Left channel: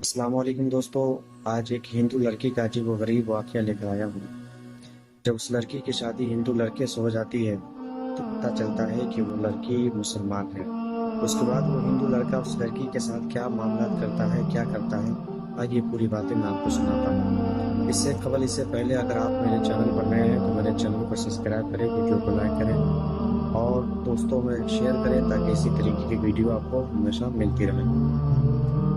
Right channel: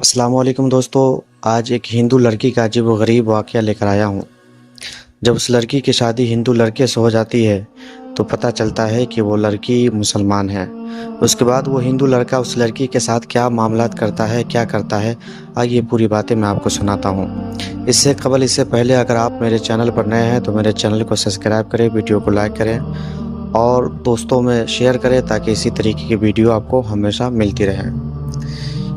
अस्सलाम वालेकुम दोस्तों। आज एक हिंदू लड़की का अजीब व गरीब वाक़या लेकर आया हूँ। जब उस लड़की की शादी हिंदू लड़के से हो जाती है तो पता चलता है कि वो लड़की मुसलमान है। उसके बाद वो हिंदू लड़का उस लड़की के साथ क्या मामलात करता है, क्या करता है, आइए पूरी बातें मैं आपको सुनाता हूँ। इससे पहले अगर आप मेरे चैनल पर नए हैं तो मेरे चैनल को सब्सक्राइब करें, वीडियो को लाइक करें और दोस्तों में शेयर करें ताकि इसी तरीके की वीडियो आपको हमेशा मिलती रहे।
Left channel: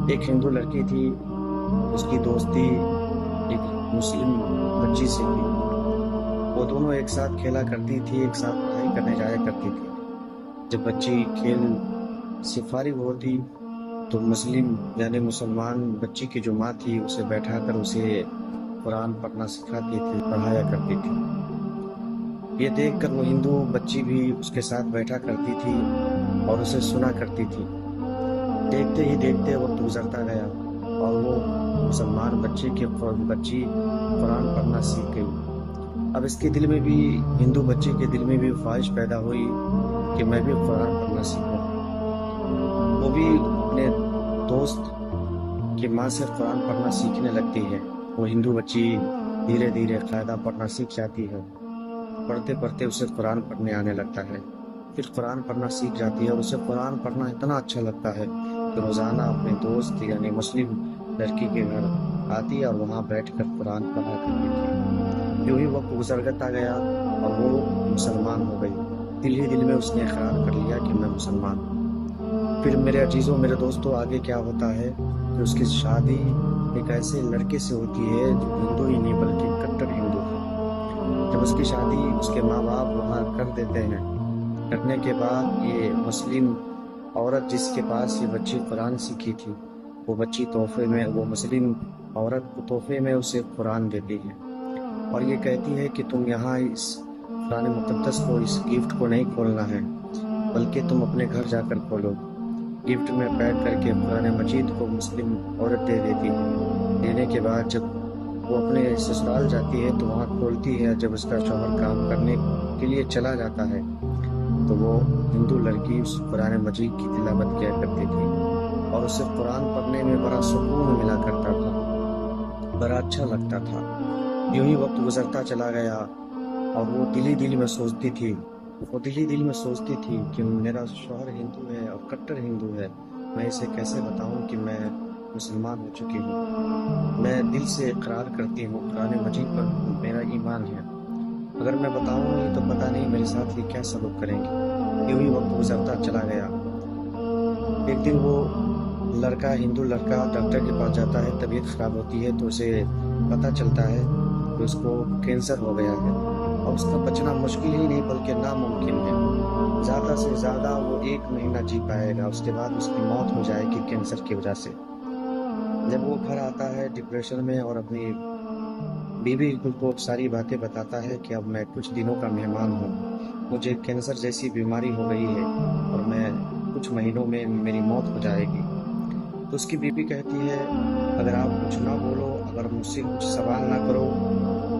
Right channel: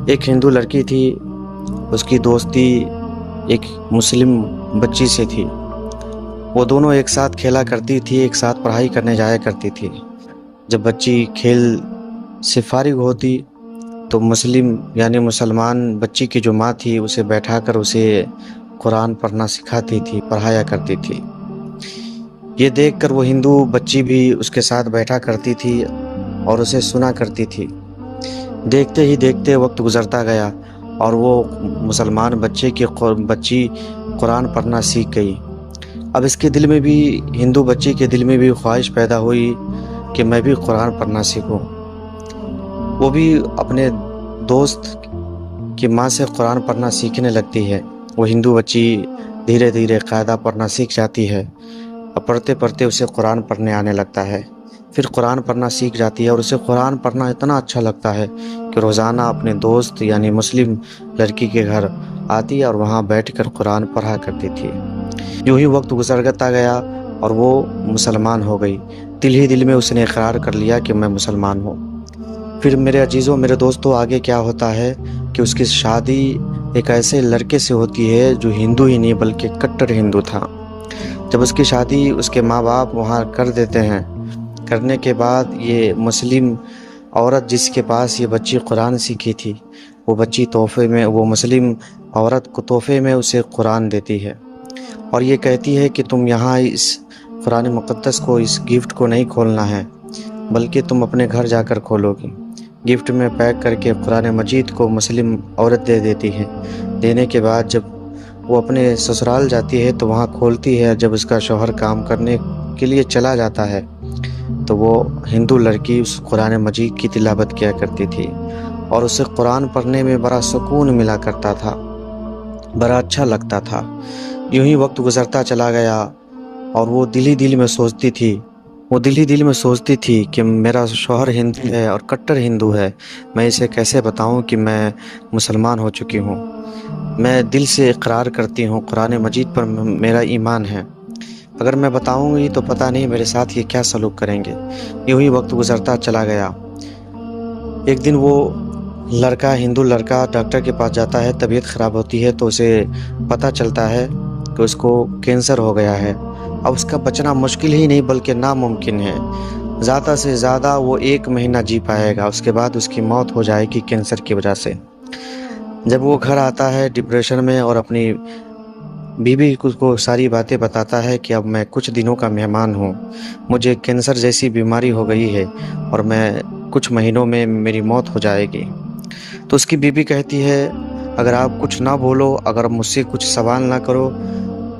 एक हिंदू लड़की थी, उसकी दोस्ती एक मुस्लिम बच्ची से थी। वो दोनों एक साथ खेला करती थी, एक साथ पढ़ाई करने जाया करती थी। जब बच्ची खेल से फारिग होती तो मुस्लिम यानी मुसलमान बच्ची की जो माँ थी उसे बैठाकर उसे कुरान पढ़ना सिखाती थी, पढ़ाया करती थी। ये देखकर वो हिंदू बच्ची भी उसके साथ बैठा करती थी और उसे सुना करती थी। देखते ही देखते वक्त गुजरता गया और वो मुसलमान बच्ची कुरान पढ़ना सीख गई। अब इसके दिल में भी, हिंदू बच्ची के दिल में भी ख्वाहिश पैदा हुई कि मैं भी कुरान पढ़ना सीखूं। वो भी अपने दोस्त की माँ से कुरान पढ़ना सीखने लगती है। वो हिंदू बच्ची धीरे धीरे कायदा पढ़ना सीख जाती है और पढ़ते पढ़ते उसे कुरान पढ़ने आने लगता है। फिर कुरान पढ़ना सीख जाती है और उसे कुरान पढ़ना इतना अच्छा लगता है कि रोज़ाना अपने दोस्त यानी मुस्लिम लड़की के घर आती और वहाँ बैठकर कुरान पढ़ा करती थी। यूं ही वक्त गुजरता गया और वो मुसलमान हो गई। दिल ही दिल में उसने इकरार कर लिया कि मैं मुसलमान हूँ। फिर मेरे अजीज़ों, मेरे दोस्तों, आगे क्या होता है कि उसकी शादी एक ऐसे लड़के से होती है जो हिंदू ही नहीं बल्कि कट्टर हिंदू था। जब उसकी शादी उसके माँ बाप वहाँ कर देते हैं, करने के बाद ये मुस्लिम औरत जिसके पास ये बच्ची कुरान सीखी थी, वो मुस्लिम औरत को तोहफे में उसे कुरान देती है और ये कहती है कि तुम यहाँ इस कुरान मुक़द्दस को, इस गिफ्ट को नहीं खोलना है बल्कि तुम अपने घर जाकर खोलोगी। गिफ्ट में पैक करके कुरान मजीद को मुस्लिम औरत दे देती है। देने के बाद जब वो अपने ससुराल जाती है तो वहाँ खोलती है। जब उसका शौहर काम करने के लिए चला जाता है तो वो हिंदू लड़की उस कुरान मजीद की तिलावत किया करती थी और उसे कुरान पढ़ने में बड़ा सुकून मिला करता था, बड़ा अच्छा लगता था। यूं ही वक्त गुजरता चला गया और वो दिल ही दिल में सोचती थी कि मेरा शौहर हिंदू है और कट्टर हिंदू है, मैं इसे कैसे बताऊं कि मैं मुसलमान हो चुकी हूँ। मैं दिल से इकरार करती हूँ, कुरान मजीद पर मेरा ईमान है। अगर मैं बताऊंगी तो पता नहीं मेरे साथ ये क्या सलूक करेंगे। यूं ही वक्त गुजरता चला गया। एक दिन वो हिंदू लड़का डॉक्टर के पास जाता है। तबीयत ख़राब होती है तो उसे पता चलता है कि उसको कैंसर हो गया है। अब उसका बचना मुश्किल ही नहीं बल्कि नामुमकिन है। ज़्यादा से ज़्यादा वो 1 महीना जी पाएगा, उसके बाद उसकी मौत हो जाएगी कैंसर की वजह से। जब वो घर आता है डिप्रेशन में और अपनी बीवी को सारी बातें बताता है कि अब मैं कुछ दिनों का मेहमान हूँ, मुझे कैंसर जैसी बीमारी हो गई है और मैं कुछ महीनों में मेरी मौत हो जाएगी। तो उसकी बीवी कहती है, अगर आप कुछ ना बोलो, अगर मुझसे कुछ सवाल ना करो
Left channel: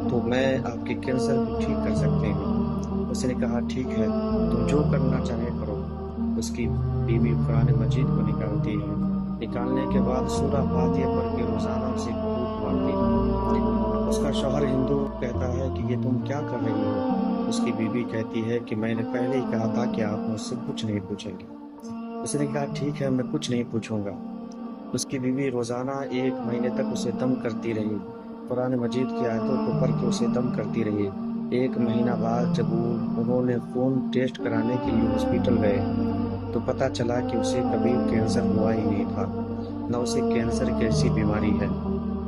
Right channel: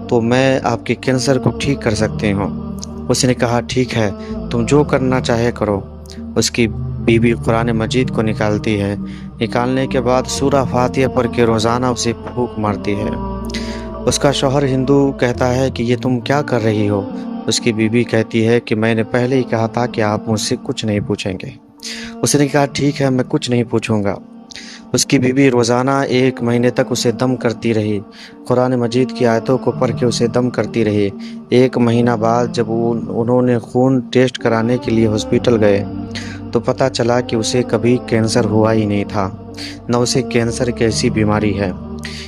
तो मैं आपके कैंसर को ठीक कर सकती हूँ। उसने कहा, ठीक है, तुम जो करना चाहे करो। उसकी बीवी कुरान मजीद को निकालती है। निकालने के बाद सूरा फातिहा पढ़ के रोज़ाना उसे फूंक मारती है। उसका शौहर हिंदू कहता है कि ये तुम क्या कर रही हो। उसकी बीवी कहती है कि मैंने पहले ही कहा था कि आप मुझसे कुछ नहीं पूछेंगे। उसने कहा, ठीक है, मैं कुछ नहीं पूछूंगा। उसकी बीवी रोज़ाना 1 महीने तक उसे दम करती रही, कुरान मजीद की आयतों को पढ़ के उसे दम करती रही। 1 महीना बाद जब उन्होंने खून टेस्ट कराने के लिए हॉस्पिटल गए तो पता चला कि उसे कभी कैंसर हुआ ही नहीं था, न उसे कैंसर कैसी बीमारी है।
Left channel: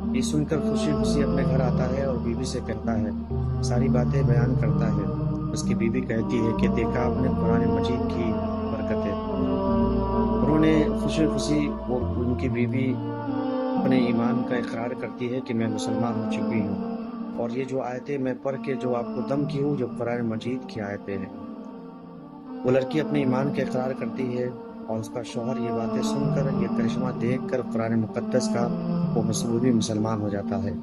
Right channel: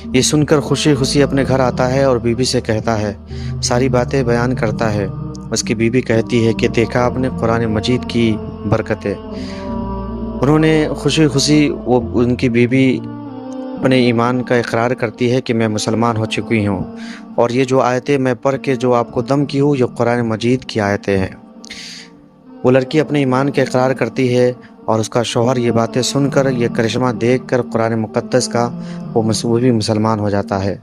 ये सुनकर खुशी खुशी अपने घर आता है और बीवी से कहता है, सारी बातें बयान करता है। उसकी बीवी कहती है कि देखा आपने कुरान मजीद की बरकतें। उन्होंने खुशी खुशी वो उनकी बीवी अपने ईमान का इकरार करती है कि मैं मुसलमान हो चुकी हूँ और ये जो आयतें मैं पढ़ के जो आपको दम की हूँ, ये कुरान मजीद की आयतें हैं। वो लड़की अपने ईमान का इकरार करती है और उसका शौहर ये बातें सुनकर, ये करिश्मा देखकर कुरान मुक़द्दस का वो भी मुसलमान हो जाता है।